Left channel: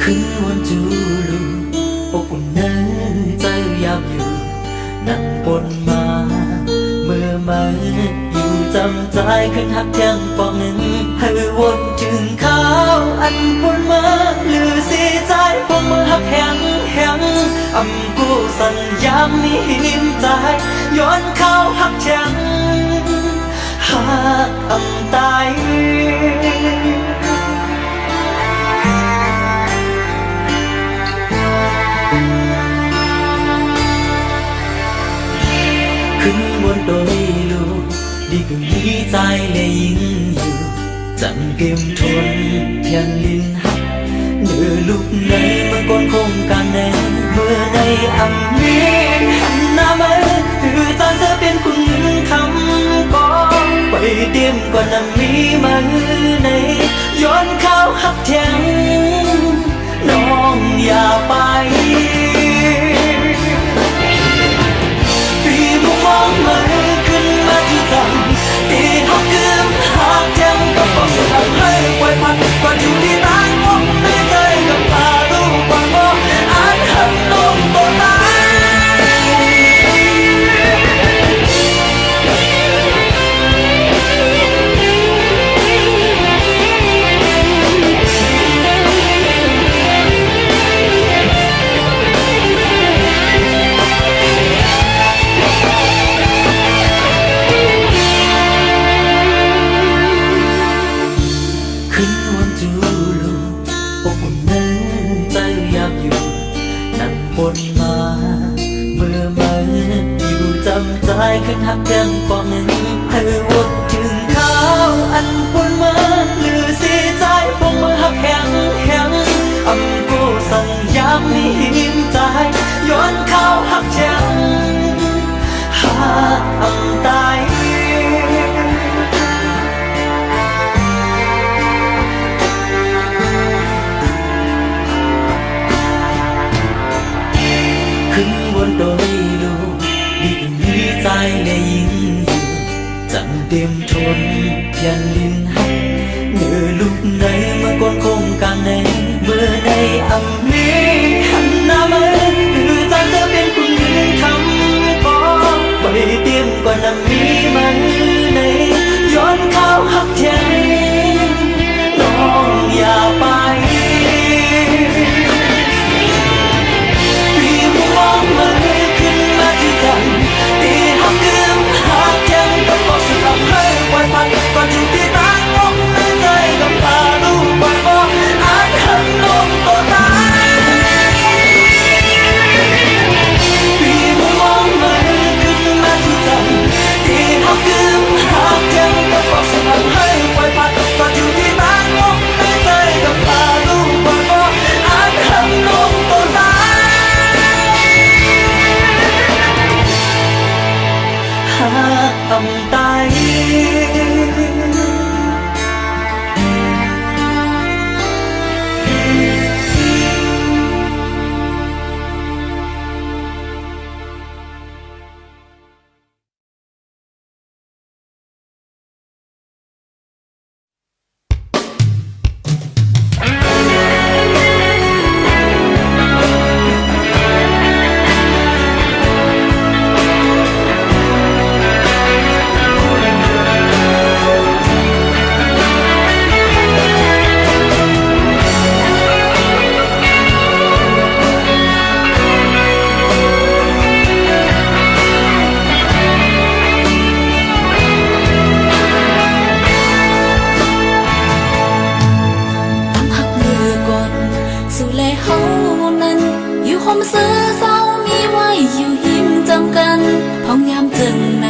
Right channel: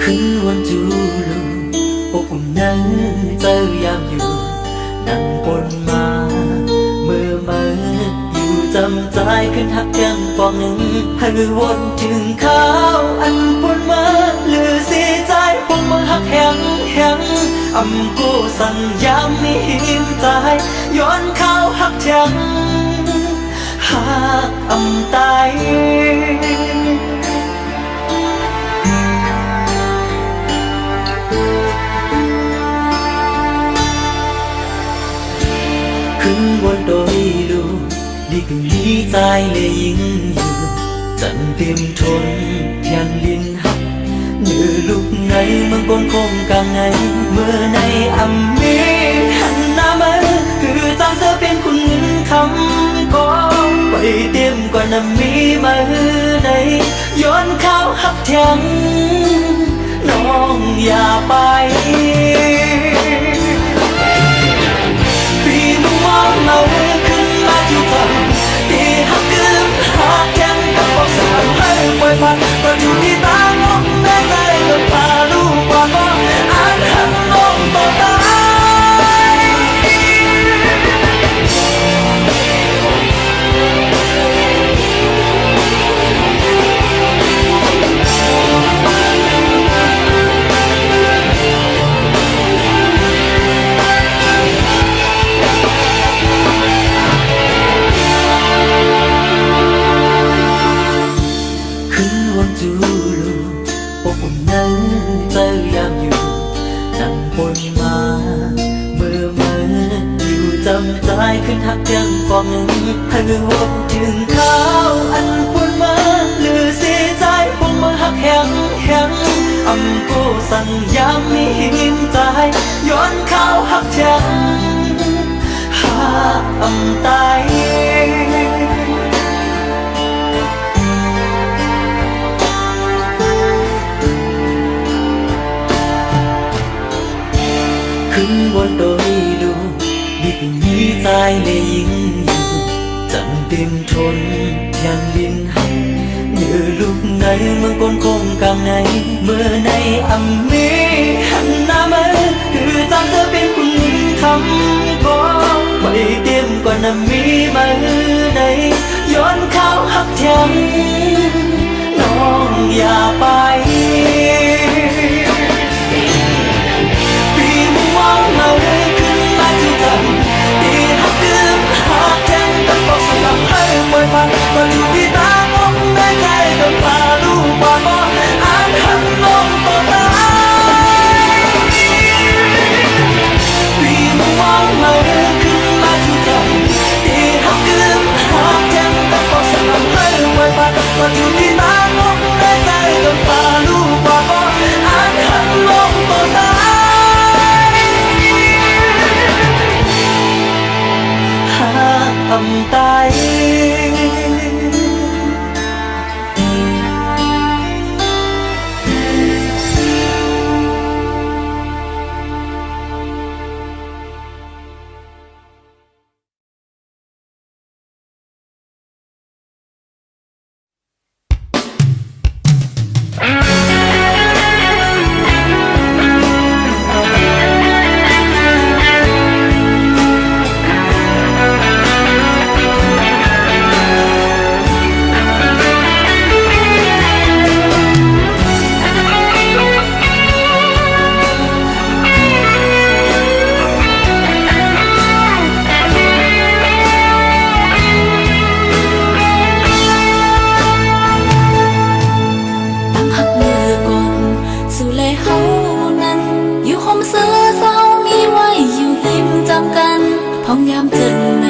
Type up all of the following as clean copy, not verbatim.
ขึ้นวนจูลูอบอุ่นในใจยามอยู่นั่งบนมาเมื่อมาอยู่จำใจขึ้นหักแก้งปอกหนึ่งให้วนถึงข้าวอันปนมาหรือเสียใจพงมือหักแห้งแห้งอำกูสัญญามีหิมใจย้อนข้าวหักแข็งหักอำตายขึ้นบนโดยลูกดีกึ่งนี้ใจเลยยิ่งอยู่จังเต็มทนเพียนลินหักเนื้อลูกในเมืองก้นคงกลางในเมื่อในอำมีหันหน้ามาคือจางเสือเป็นคุณเงินคำก็ไปเตรียมก่อนน้ำมีมาในย้อนข้าวหักแทงน้องอย่าไปปีมุมมองมาขึ้นมาที่ตังตีหักกึมหักแทงกับบอกสลับให้ปล่อยพัดก็อยู่ที่ตั้งอกในใจกับพาดูกว่าก็อ่านหันน้องตัวตายขึ้นวนจูลูอบอุ่นในใจยามอยู่นั่งบนมาเมื่อมาอยู่จำใจขึ้นหักแก้มปอกหนึ่งให้วนถึงข้าวอันปนมาหรือเสียใจพงมือหักแห้งแห้งอำกูสั่งยามมีหิมใจย้อนข้าวหักแข็งหักอำตายขึ้นบนโดยลูกดีกึ่งนี้ใจเลยยิ่งอยู่จังเต็มทนเพียนลินหักเนื้อลูกในเมืองก้นคงกลางในเมื่อในอำมีหันหน้ามาคือจางเสือเป็นคุณเงินคำก็ไปเตรียมก่อนน้ำมีมาในย้อนข้าวหักแทงน้องอย่าไปปีมุมมองมาขึ้นมาที่ตังตีหักกึมหักแทงกับบอกสุดอำให้ปล่อยพัดก็อยู่ที่ตั้งอกในใจกับพาดูกว่าก็อ่านหันน้องตัวตายปีมุมมองมาขึ้นมาที่ตังตีหักกึมหักแทงกับบอกสุดอำให้ปล่อยพัดก็อยู่ที่ตั้งอกในใจกับพาดูกว่าก็อ่านหันน้องตัวตายหักอำตายพองยามเจิงใน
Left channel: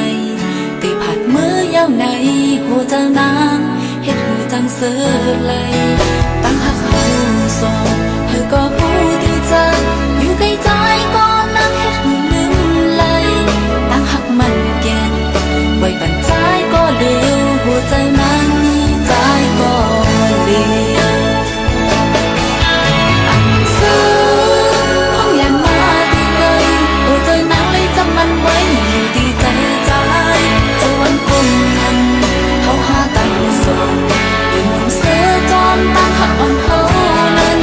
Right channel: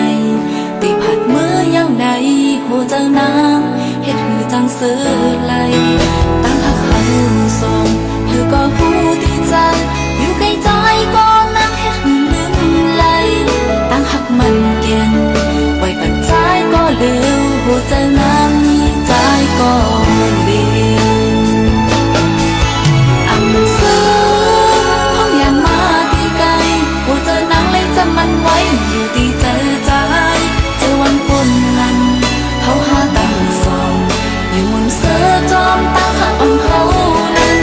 ตีผัดเมื่อยาวในโหเจ้านางเฮ็ดหือจังเสือไหลตั้งหักเขาสองเธอก็หูดีใจอยู่ใกล้ใจก็นั่งเฮ็ดหือลืมไหลตั้งหักมันแก่นไว้ปั่นใจก็เลี้ยวโหเจ้านางมีใจก็เลี้ยวอันเสือพองยามมาตีไกลโหเจ้านางเลยจำมันไว้อยู่ดีใจใจเจอวันปนนั้นเขาหาตั้งสองอยู่มนเสือจอมตั้งหักอ่อนเฮานั้น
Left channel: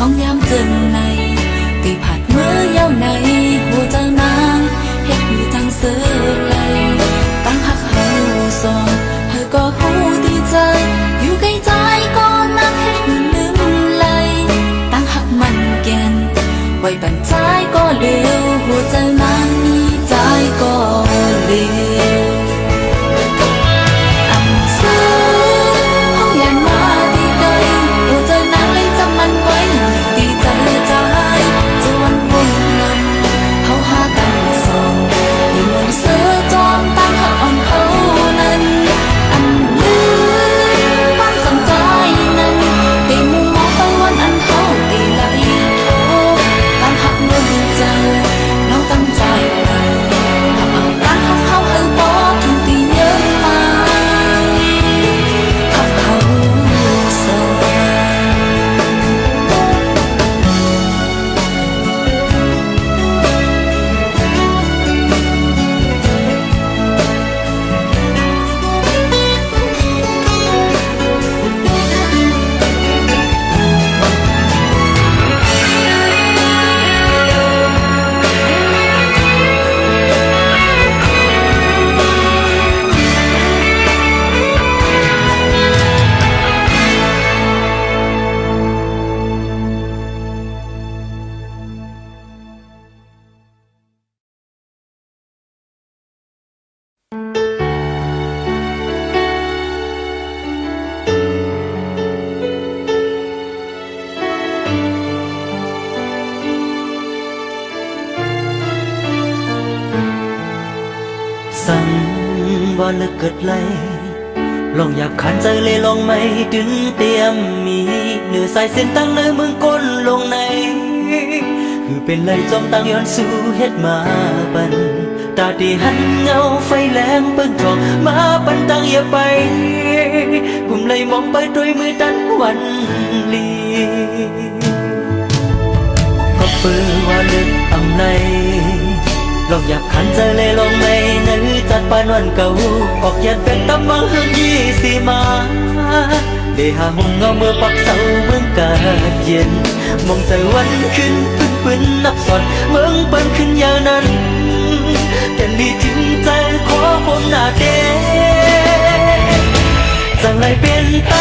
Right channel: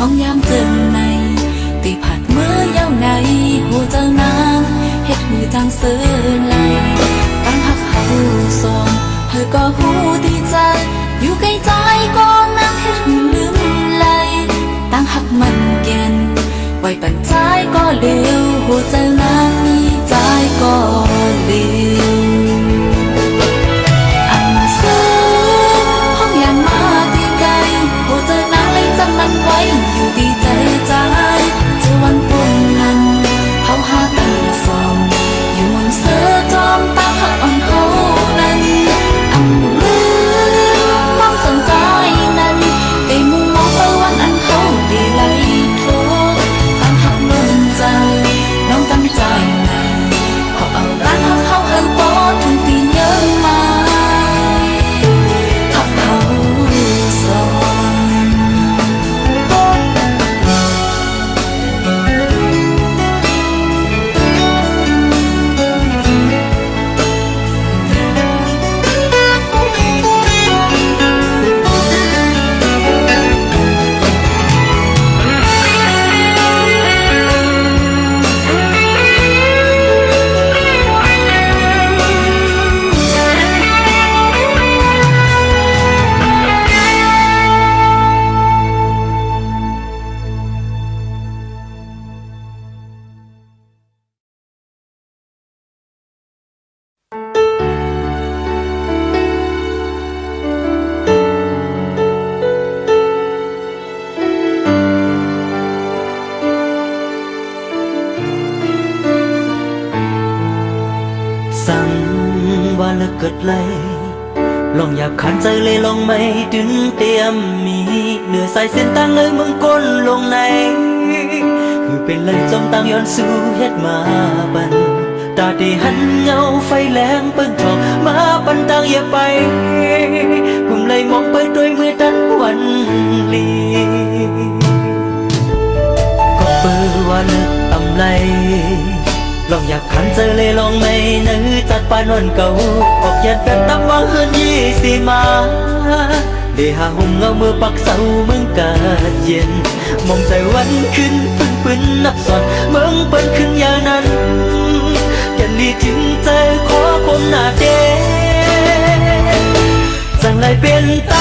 ห้องยามเจิงในตีผัดเมื่อเย้าในหัวเจ้านางเฮ็ดหือจังเสือไหลตั้งหักเฮาสองเธอก็หูดีใจอยู่ใกล้ใจก็นั่งเฮ็ดหือลืมไหลตั้งหักมันแก่นไว้ปันใจก็เลี้ยวหัวเจ้านางมีใจก็เลี้ยวอำเสือห้องยานมาตีไกลหัวเจ้านางเลยจำมันไว้อยู่ดีใจใจเจอวันพ้นนั้นเขาหาตั้งสองอยู่มนเสือจอมตั้งหักอ่อนเฮานั้นอำลืมความสนใจนั้นตีมุมมองไปวันอันเฮาตีไหลโทตั้งหักลมเจ้าน้องตั้งใจในหับเอาตั้งหักเฮาเฮาบ่ถึงตีเยอะมาหักเฮาสอง สั่งว่าเลิกเกิดไหลลองหยาบขันใจเลยลองไม่ดึนเตรียมมีเนื้อใส่เส้นตั้งในเมืองก้นลงในคือเป็นเลยจมตั้งย้อนสู่เฮ็ดมาบันตาดีหันเงาไฟแรงเปิ้งทองมาปันตั้งอย่าไปกุมเลยมองไปด้วยมือดันวันลีก็เปื้อว่าเลิกอำไลลองอยากขันเจอเลยลองไม่นึกจัดปานวันเก่าออกยันเป็ดตำวังเฮือน20 มาได้หาห่มเงาเมื่อปักเสาเมืองกาดเย็นมองใจวันขึ้นปืนนับสอนเมืองเปิ้นขึ้นอย่างนั้นแก่นลีถึงใจขอความหน้าเดจังไรเป็นไต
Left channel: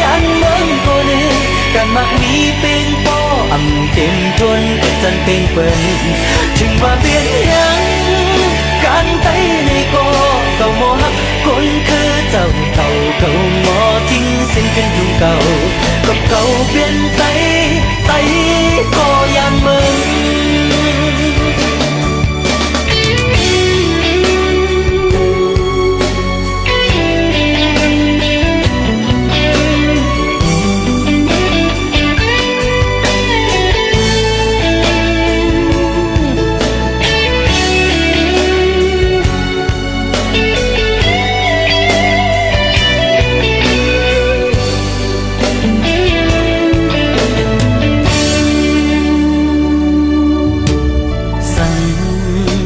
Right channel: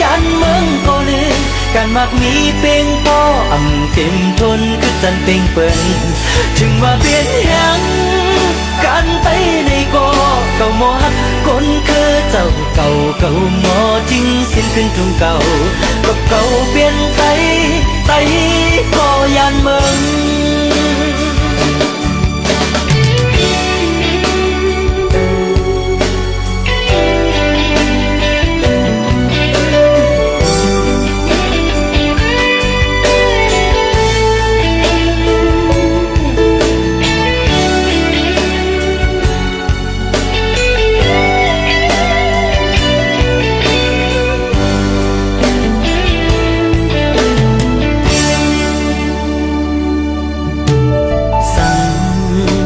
ยันเมืองก็นึงการมักมีเป่งป้ออ่ำเต็มทนคือจันเป่งเปิ้นถึงว่าเปลี่ยนยังการไตในก็เก่าหมอหักคนคือเจ้าเก่าหมอทิ้งสิ้นขึ้นทุ่งเก่าก็เก่าเปลี่ยนไตก็ยานเมือง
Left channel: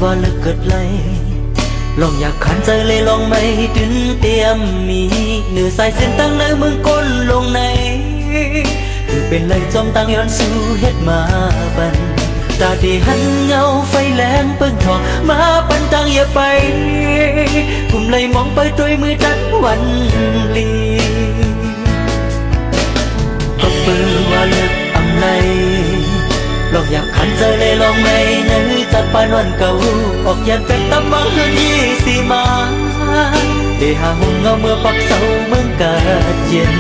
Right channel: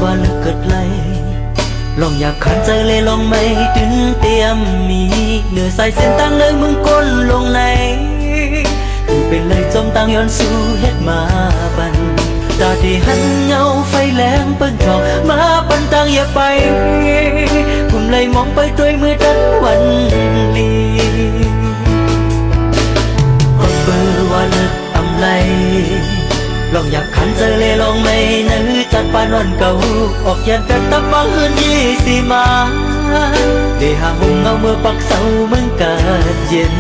ว่าเลิกเกิดไหลลองอยากขันใจเลยลองไม่ดึนเตรียมมีเนื้อใส่เส้นตั้งในเมืองก้นลงในคือเป็นเลยจมตั้งย้อนสู่เฮ็ดมาบันตาดีหันเงาไฟแรงเปิ้งทองมาปันตั้งอย่าไปกุมเลยมองไปด้วยมือดันวันลีก็เปื้อว่าเลิกอำไลลองอยากขันเจอเลยลองไม่นึกจัดปานวันเก่าออกยันเป็ดตำวังเฮือน20 มาได้หาห่มเงาเมื่อปักเสาเมืองกาดเย็น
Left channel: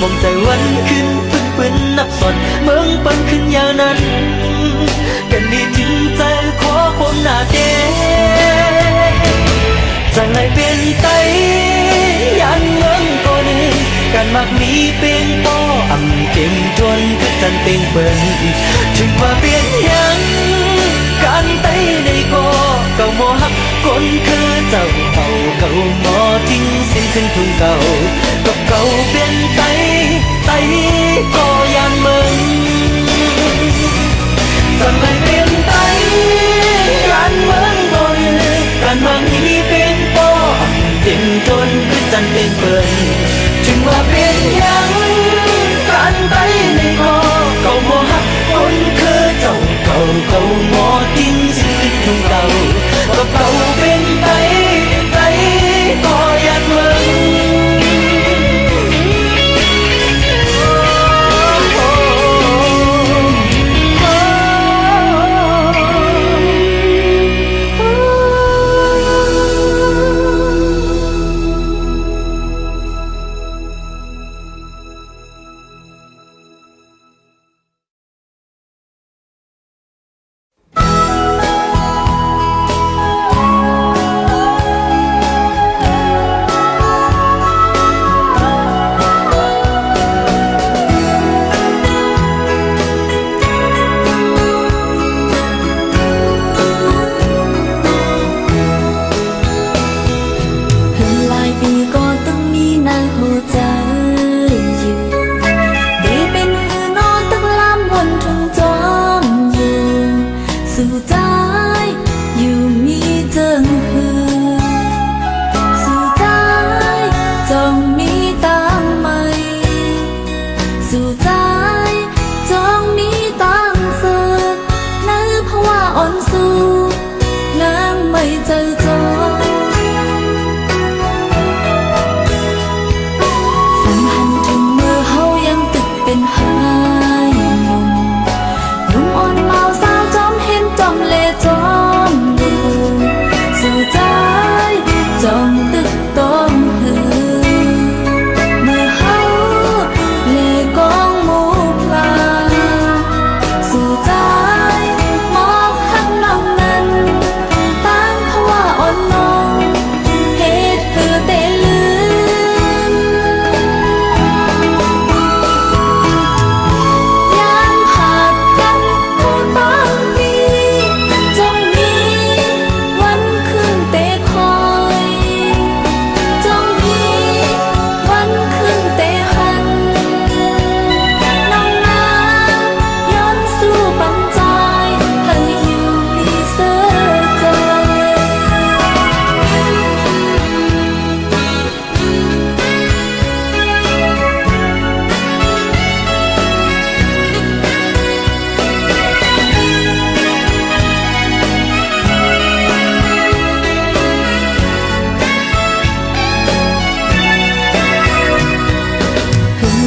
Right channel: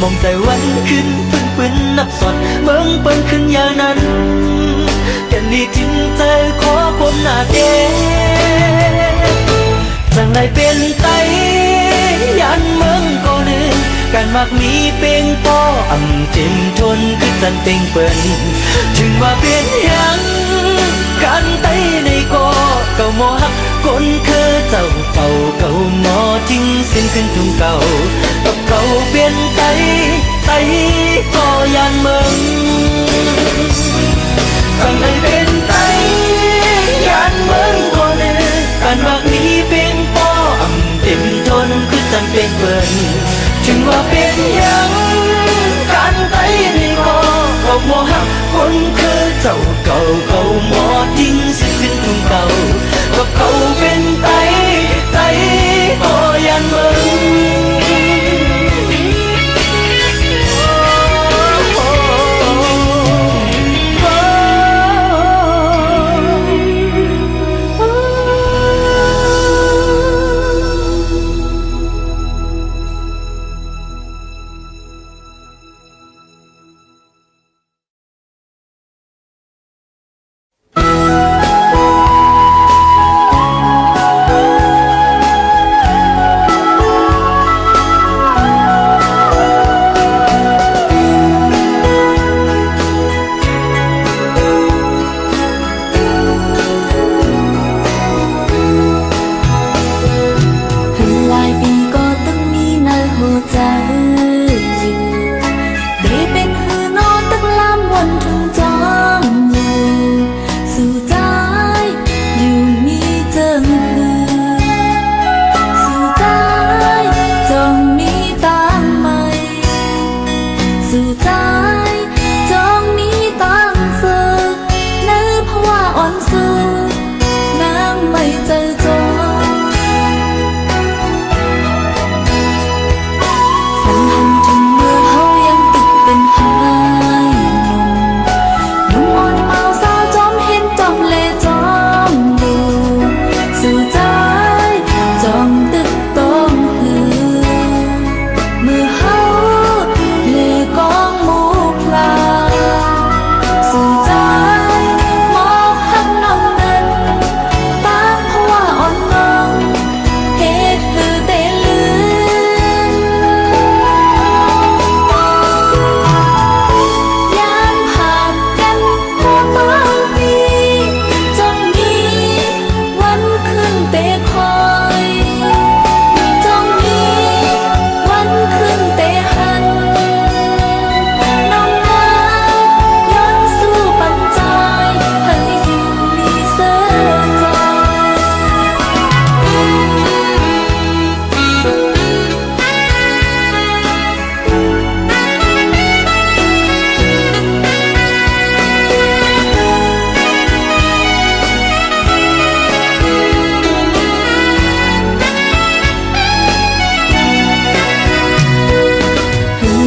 มองใจวันขึ้นปืนนับสอนเมืองเปิ้นขึ้นอย่างนั้นแก่นลีถึงใจขอความหน้าเดจังไรเป็นไตยันเมืองก็นึงการมักมีเป่งป้ออ่ำเต็มทนคือจันเป่งเปิ้นถึงว่าเปลี่ยนยังการไตในก็เก่าหมอหักคนคือเจ้าเก่าหมอทิ้งสิ้นขึ้นทุ่งเก่ากับเก่าเปลี่ยนไตก็ยานเมืองจังไรเป็นไตยันเมืองก็นึงการมักมีเป่งป้ออ่ำเต็มทนคือจันเป่งเปิ้นถึงว่าเป็นยังการไตในก็ บ่ฮักคนคือเจ้าเก่าเก่าหมอทิ้งสิขึ้นทุ่งเก่ากับเก่าเป็นไตก็ยันเมืองหลายปีก็ต้องมีในหัวใจอยู่ได้เป็นหือนอนตักลำวันถึงจอมอยู่สู่ใจอยู่มีเจิงหือสู่ใจจองมีตังใหม่สู่ใจจองมีตังเสือในภาวะอ่อนสู้นางไม่เจอจอเป็นหายหนุ่มอ่อนเมาสาวจอมเห็นจอมเลจอมดูสู่ใจจองตึกต้องหือเมื่อเฮาเลกองหมูพลาสู่ใจหมอกหักน้องนั้นตั้งเพราะว่าอ่อนน้องเหตุคือเตลื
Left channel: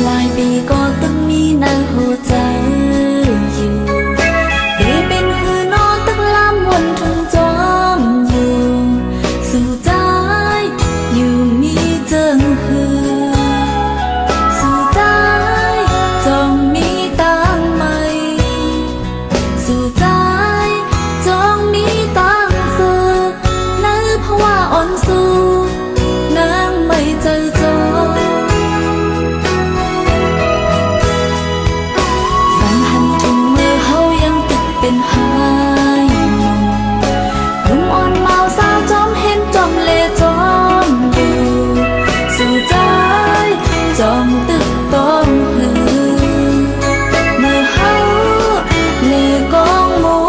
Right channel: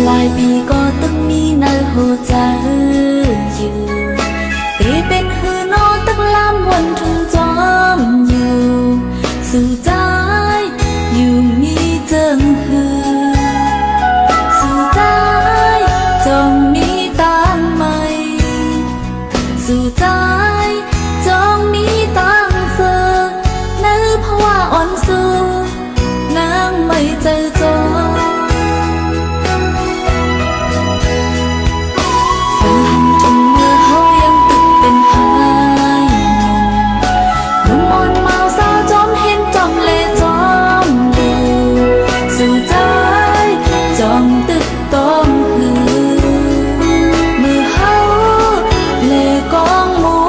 หลายปีก็ต้องมีในหัวใจอยู่ได้เป็นหือนอนตักลำวันถึงจอมอยู่สู่ใจอยู่มีเจิงหือสู่ใจจองมีตังใหม่สู่ใจจองมีตังเสือในภาวะอ่อนสู้นางไม่เจอจอเป็นหายหนุ่มอ่อนเมาสาวจอมเห็นจอมเลจอมดูสู่ใจจองตึกต้องหือเมื่อเฮาเลกองหมู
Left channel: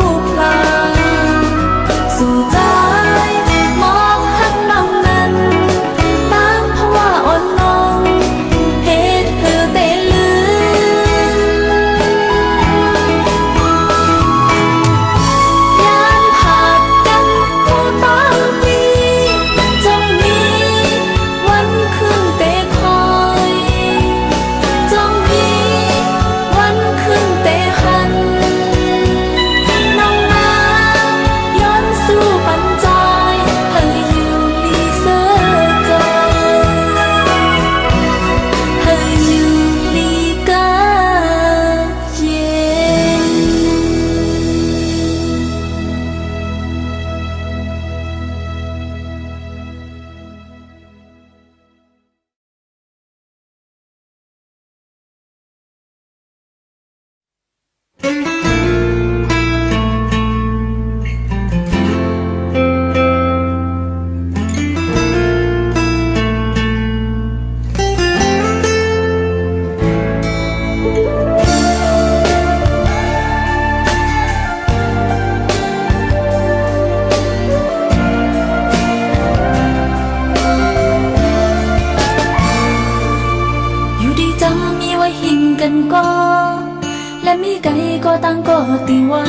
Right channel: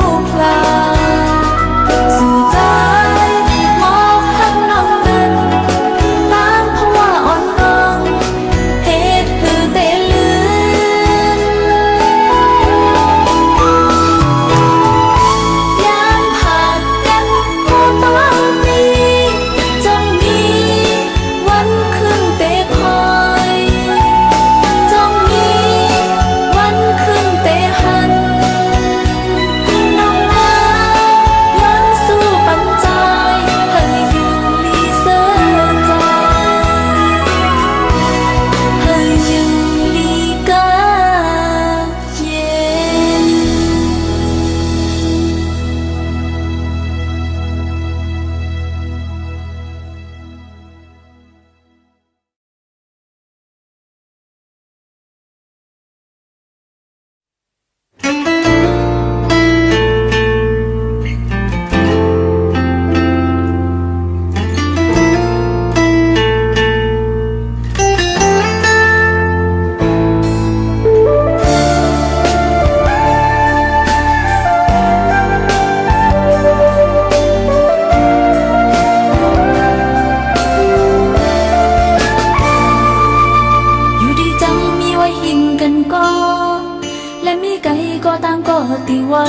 ไกลก็ต่างก็ตีไว้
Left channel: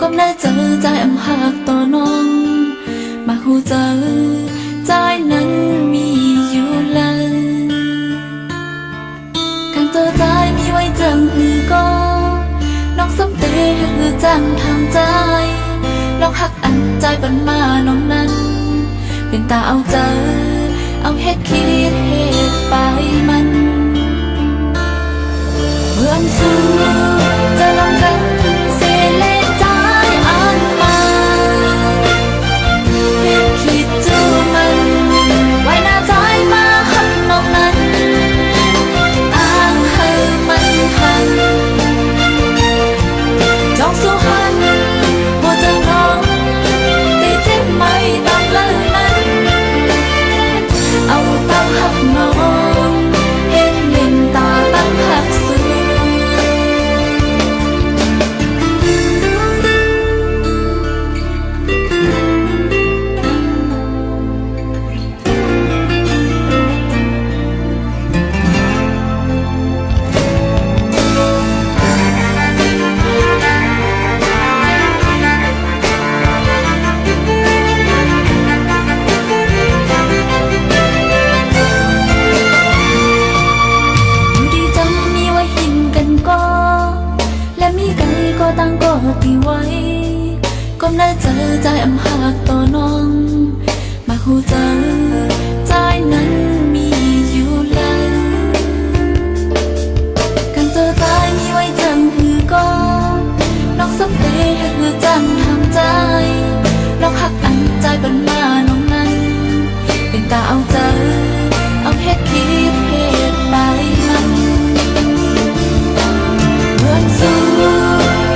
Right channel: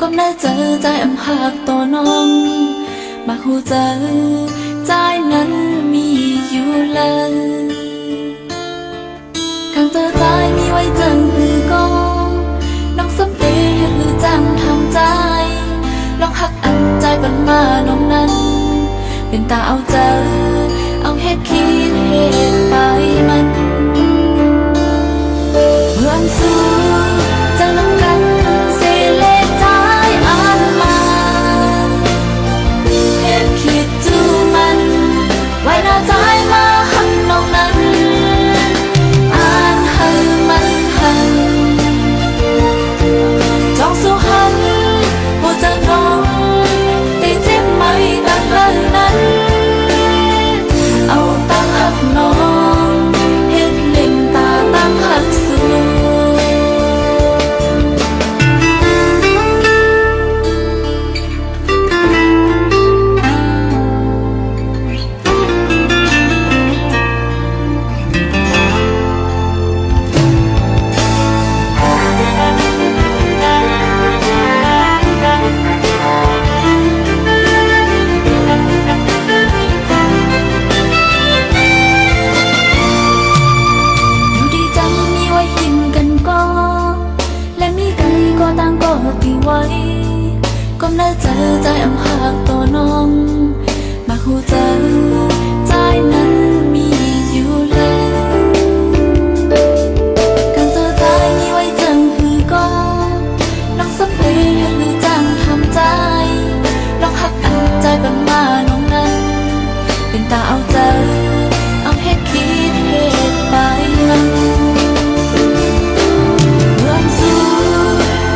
ก็น่าเจอใจอำหักต่อน้องมาหูเจอใจนั้นมีอยู่เลยข้างเจอใจมีไว้จังหือก็น้องสำเตเฮ็ดหือจังทำใจลองหักอันใจปันมาน้องนั้นเป็นตาเอาเจอเอาเฮ็ดคิดเฮ็ดไปมันเพื่อนสู้จะลองกันเสเลใจอ่านมาเฮ็ดคิดจูมันไว้หน้าใจมาหันนอกนั้นอ่านให้มันหันจองสู้หันหัวใจน้องแต่เจ็บไม่ต่างเลยนั้นเอาตั้งหักน้องเห็นเล่นตาตั้งหักสูและมีไกลก็ต่างก็ตีไว้ก้มหน้าเจอใจอำหักต่อน้องมาหูเจอใจนั้นมีอยู่เลยกันเจอใจมีไว้จังหือก็น้องสำเตเฮ็ดหือจังทำใจลองหักอันใจปันมาน้องนั้นเป็นตาเอาเจอเอาเฮ็ดคิดเฮ็ดไปมันเพื่อนสู้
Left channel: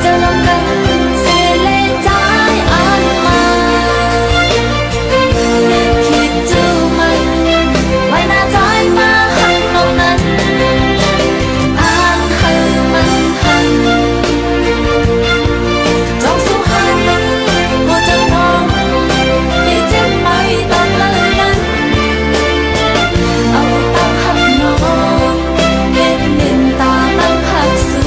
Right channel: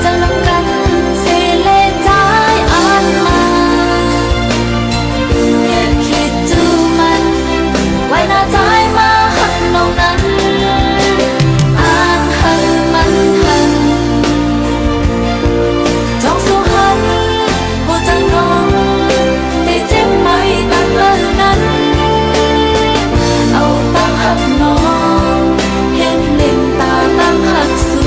จะลองกันเสเลใจอ่านมาเฮ็ดคิดจูมันไว้หน้าใจมาหักน้องนั้นอ่านให้มันหันจองสู้หันหัวใจน้องแต่เจ็บไม่ต่างเลยนั้นเอาตั้งหักน้องเห็นเล่นตาตั้งหักสู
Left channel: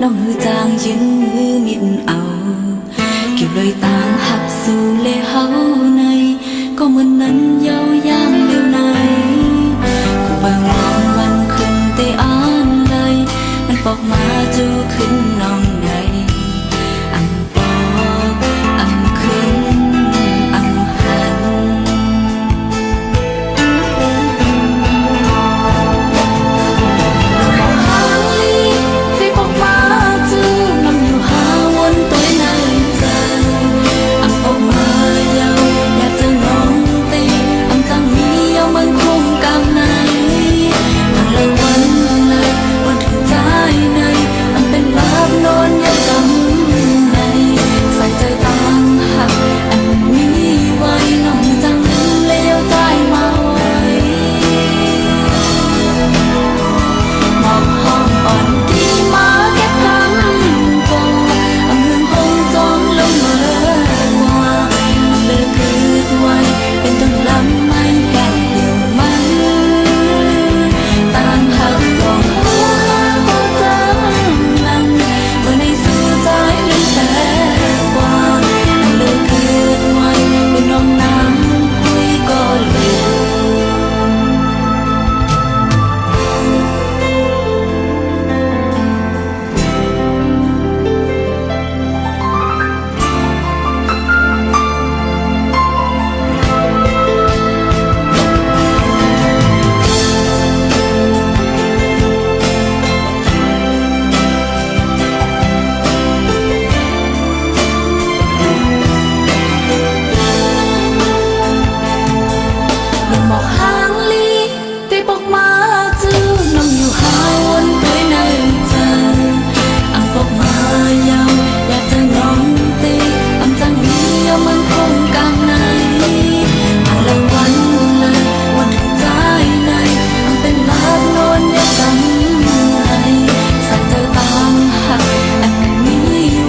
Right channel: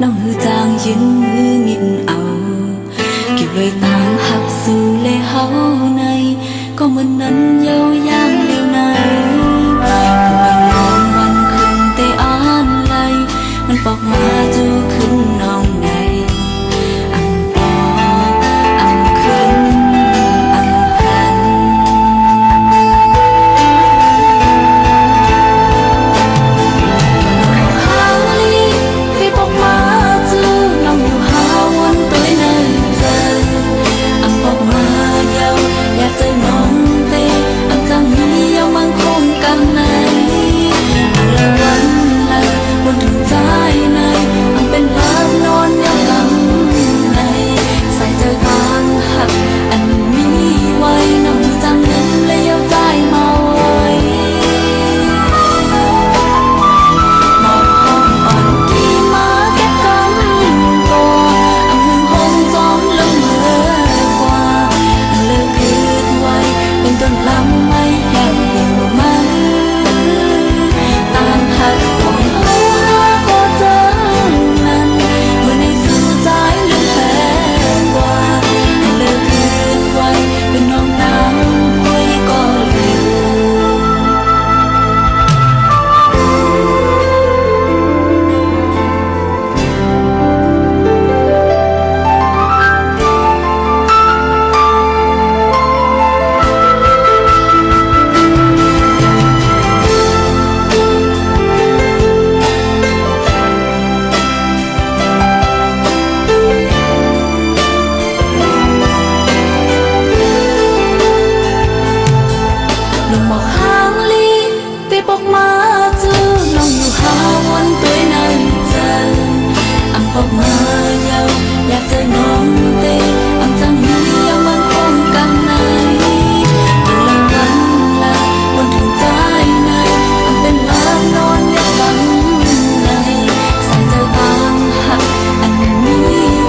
น้องหือจางยืนมือมิดเอาเกี่ยวเลยต่างหักสู่เลเฮาในก็เหมือนนั้นเย้าย่างเลี้ยวในก็ไปมองวันคืนเตอ่านเลยมันปอกมาจูขึ้นน้องในอันปอกอันขึ้นอันหันน้องบอกหางลีเคยปอกมาน้องอยู่หาวนตัวในใจอำปอกมาเยาอยากเจอน้องเตอำจังมีเยามันคงกลางในมันเลยวันถึงใจในอำเป็นลาบนอนเยากำในใส่ใจต่างหักอันมีไว้น้องจังลืมเลยเยาใจมาไว้มอบห้องอ่อนกี่มาแก็บกำก็อำหึงหงจอมลงเมื่อกว่าอันเลิกคืดไว้เป็นต้นลำไม่แหกเหี่ยวมัน học mà giàu Nhạc chơi ngon tê âm giang hi yêu mừng khung càng này Mà lờiวันlàวันถึงใจในอันเป็นลาบนอนยับกันในใส่ใจต่างหักอันมี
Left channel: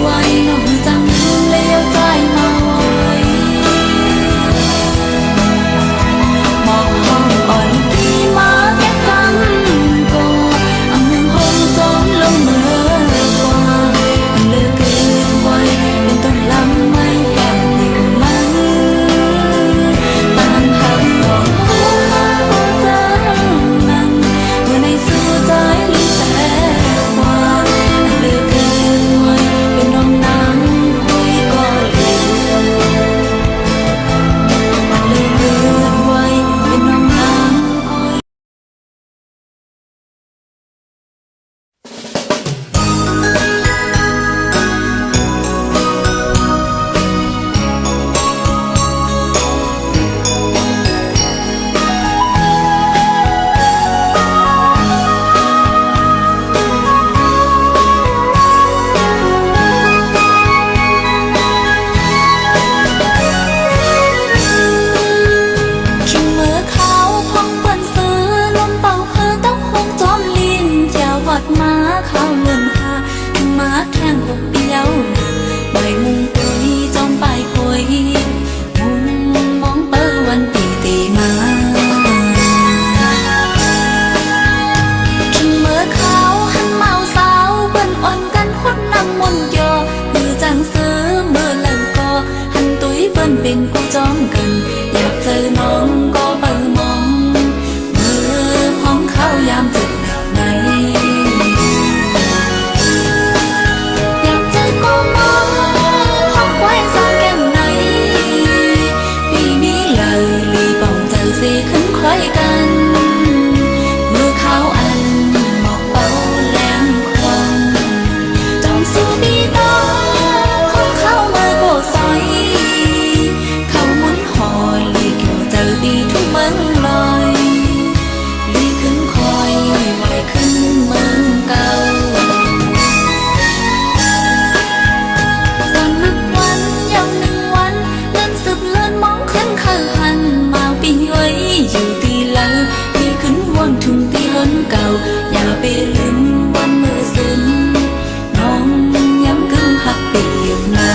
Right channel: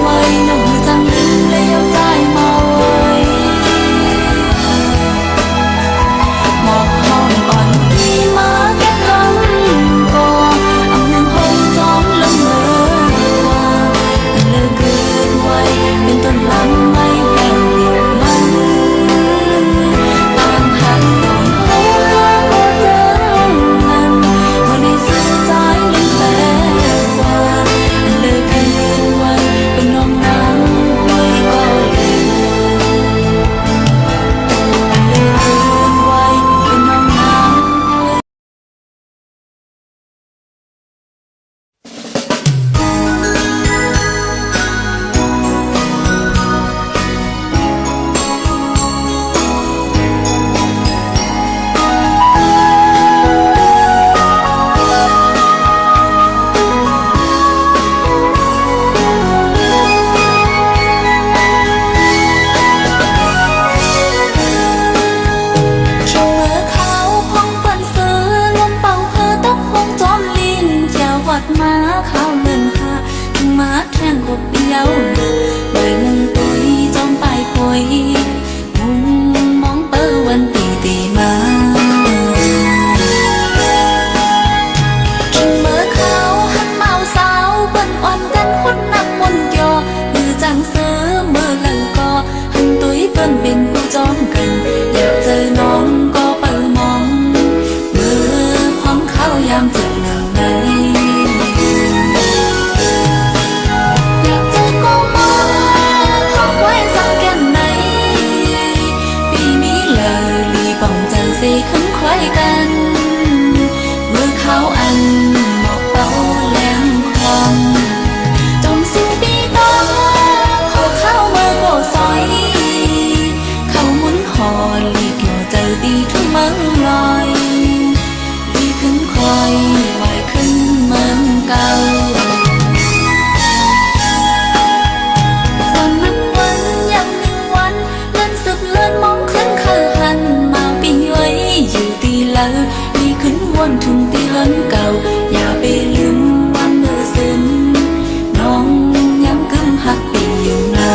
ไว้น้องมือจังเลี้ยวใจมาไว้หมอกห้องอ่อนกีมาแก้กำก่ออำหึงหงจอมลงเมื่อกว่าอันเลิกเกิดไว้เป็นต้นลำไม่แห้งเดียวมันต่างหักสองเฮาหาก็เจอนั้นเมื่อในสู่ใจลืมแต่กว่าอันเลิกเกิดไว้เป็นน้องนางคุยก็เหลวอันเลิกเกิดไว้เป็นน้องนางคุยคิวมือเขาพองเปิ้นซื้อลมเป่าเพอตกหงจอมลิ้นแจวหอดมาข้าวเลื่อนหาถึงมาแทงกบเปียวนะใบมุงปุยจอมปลายปุยมุงมองเปิ้วันตีตีมาคิวมือเขาหันเมาสาวเปิ้นอ่อนกันหดน้ำมนต์ยอมือจังซื้อมือหลังก็หันตุ้ยเปิ้นเป็นกูจอมกันอยากเจอน้องก็เปิดมองมือพองเข้ายามเจ็บหนาวในอยากเจอก็มองพองไว้สางแก่นในปีนี้เลยลีป่องเจอสีขึ้นคล้อยกันมือเขาอันหมอกเป่าแรงคลองจงสู้บีตอพองเข้ามือโกซอยเข้าหมุนหอลีเกี่ยวเจอตีทุ่งเมืองลอยลีขึ้นคอยไหวขึ้นเมืองเก่าตอนนับวันยาวหนึ่งวันเลื่อนสืบเลื่อนมองขึ้นเคยหันมาปีไว้อยู่ตีเลอลีขึ้นวนถึงตีเฮินเก่าอย่าไปลืมวันเมื่อซึมน้องยังกึ่งหักปีอยู่นะ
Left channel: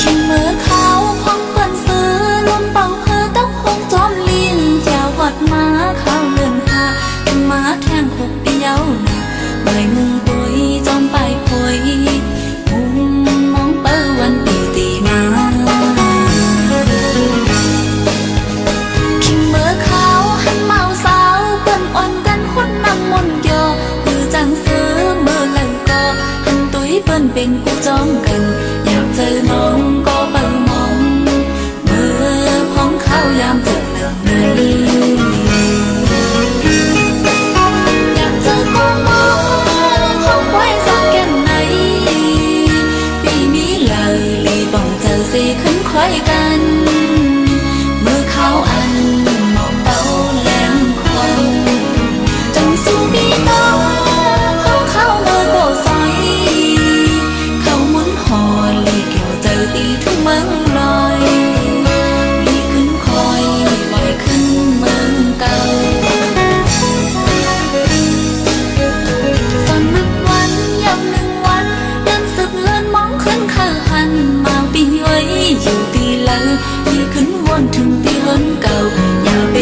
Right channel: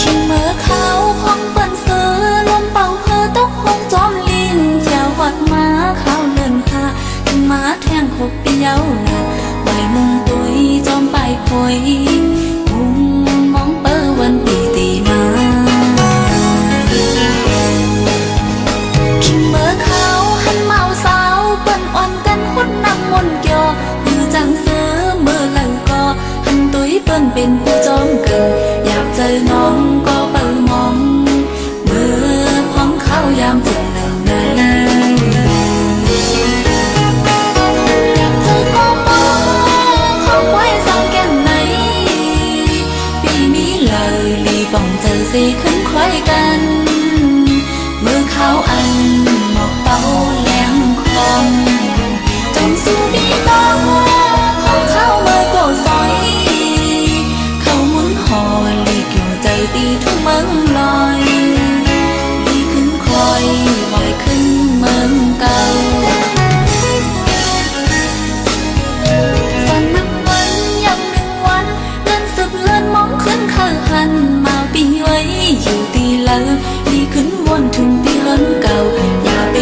คิวมือเขาพองเปิ้นซื้อลมเป่าเพอตกหงจอมลิ้นแจวหอดมาข้าวเลื่อนหาถึงมาแทงขบเปียวนะใบมุงปุยจอมปลายปุยมุงมองเปิ้วันตีตีมาคิวมือเขาหันเมาสาวเปิ้นอ่อนกันหดน้ำมนต์ยอมือจังซื้อมือหลังก็หันตุ้ยเปิ้นเป็นกูจอมกันอยากเจอน้องก็เปิดมองมือพองเข้ายามเจ็บหนังในอยากเจอก็มองห้องไว้สางแก่นในปีนี้เลยลีป่องเจอสีขึ้นคล้อยกันมือเขาอันหมอกเป่าแรงคลองจงสู้บีตอห้องเข้ามือโกซอยเข้าหมุนหอลีเกี่ยวเจอตีทุ่งเมืองลอยลีขึ้นคอยไหวขึ้นเมืองเก่าตอนนับวันยาวหนึ่งวันเลื่อนสืบเลื่อนมองขึ้นเคยหันมาปีไว้อยู่ตีเลอลีขึ้นวนถึงตีเฮินเก่าอย่าไป